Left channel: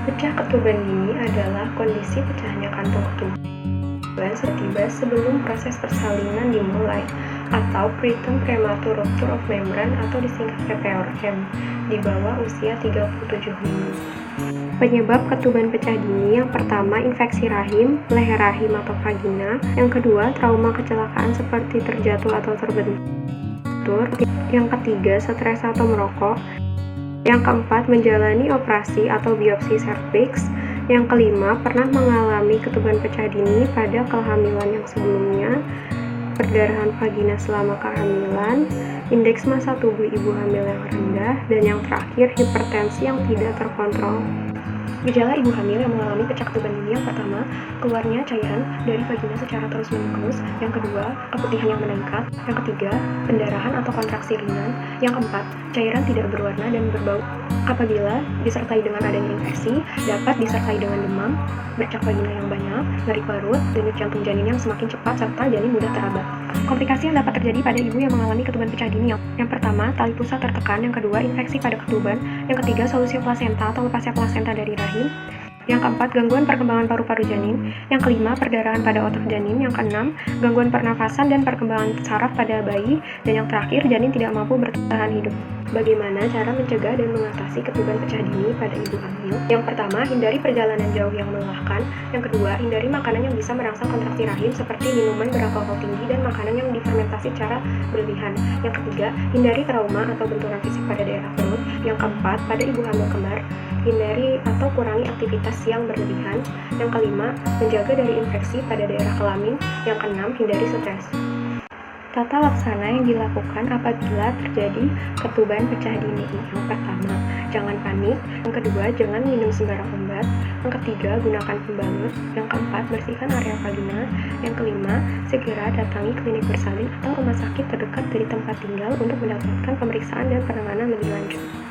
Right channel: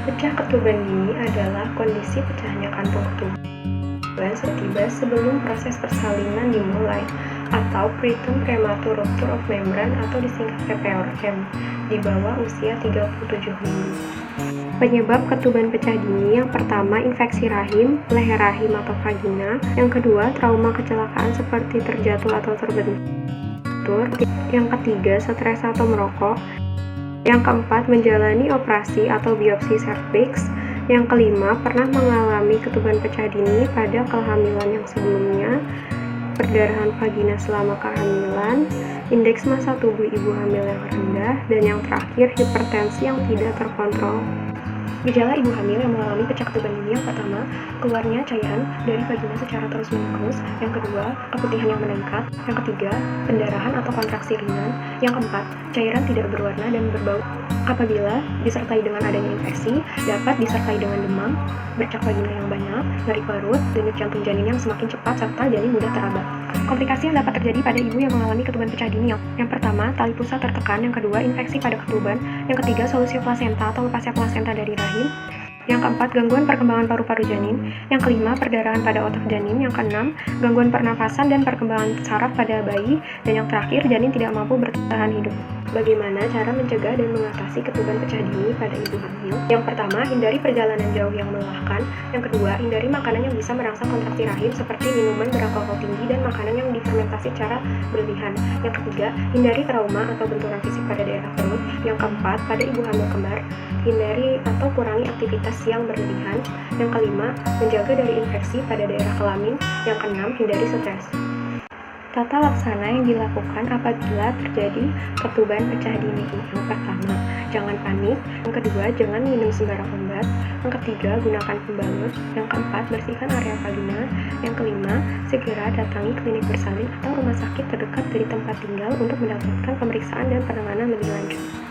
Pecah ketuban dini adalah kondisi pecahnya kantung ketuban tiba sebelum proses persalinan dimulai, atau preterm premature rupture of membrane atau disingkat PPRM, di bawah usia 37 minggu. Penyebab ketuban pecah dini yang pertama infeksi rahim, leher rahim atau vagina, yang kedua trauma kecelakaan seperti terjatuh atau terbentur, yang ketiga stres atau merokok, yang keempat menjalani operasi atau biopsi serviks, yang kelima pernah mengalami ketuban pecah dini pada kehamilan yang sebelumnya, perdarahan vagina selama kehamilan, indeks massa tubuh ibu hamil yang rendah, dan yang terakhir hipertensi yang tidak terkontrol. Gejala ibu hamil yang mengalami pecah ketuban dini yang pertama, keluarnya cairan dari vagina secara terus-menerus, yang kedua, keputihan yang meningkat, yang ketiga, pendarahan atau kontraksi ringan, yang keempat, cairan tidak berwarna dan berbau. Apabila disertai dengan adanya infeksi, dapat disertai dengan demam, bercak vagina yang banyak, nyeri perut, denyut jantung janin yang semakin cepat, serta janin mudah teraba. Komplikasi yang dapat terjadi pada ibu yang mengalami ketuban pecah dini yang pertama, tali pusat tertekan, yang kedua, infeksi pada ketuban, yang ketiga, solusio plasenta atau lepasnya plasenta dari rahim, yang keempat, gangguan perkembangan paru-paru janin, yang kelima, perdarahan pada otak janin, yang keenam, gangguan pernafasan dan perkembangan saraf pada bayi, dan yang terakhir, janin tidak mampu bertahan hidup. Bagaimana cara mencegah dan mengatasi ketuban pecah dini pada ibu hamil? Yang pertama, hindari perjalanan jauh yang melelahkan. Yang kedua, hindari makanan yang bisa merangsang kontraksi rahim seperti minuman beralkohol tinggi dan makanan yang difermentasi secara berlebihan. Yang ketiga, hindari trauma atau benturan fisik pada daerah perut. Yang keempat, pada ibu hamil kembar, hindari atau kurangi aktivitas yang berlebihan. Yang kelima, menjaga dari infeksi pada daerah kelamin. Yang keenam, hindari stres. Tata laksana yang dilakukan apabila terjadi ketuban pecah dini. Yang pertama, jangan panik. Yang kedua, jangan minum sembarang obat. Yang ketiga, gunakan pembalut. Yang keempat, bersihkan area vagina. Yang kelima, segera datangi klinik bersalin atau rumah sakit terdekat dari tempat tinggal untuk mendapatkan pemeriksaan dan penanganan lebih lanjut.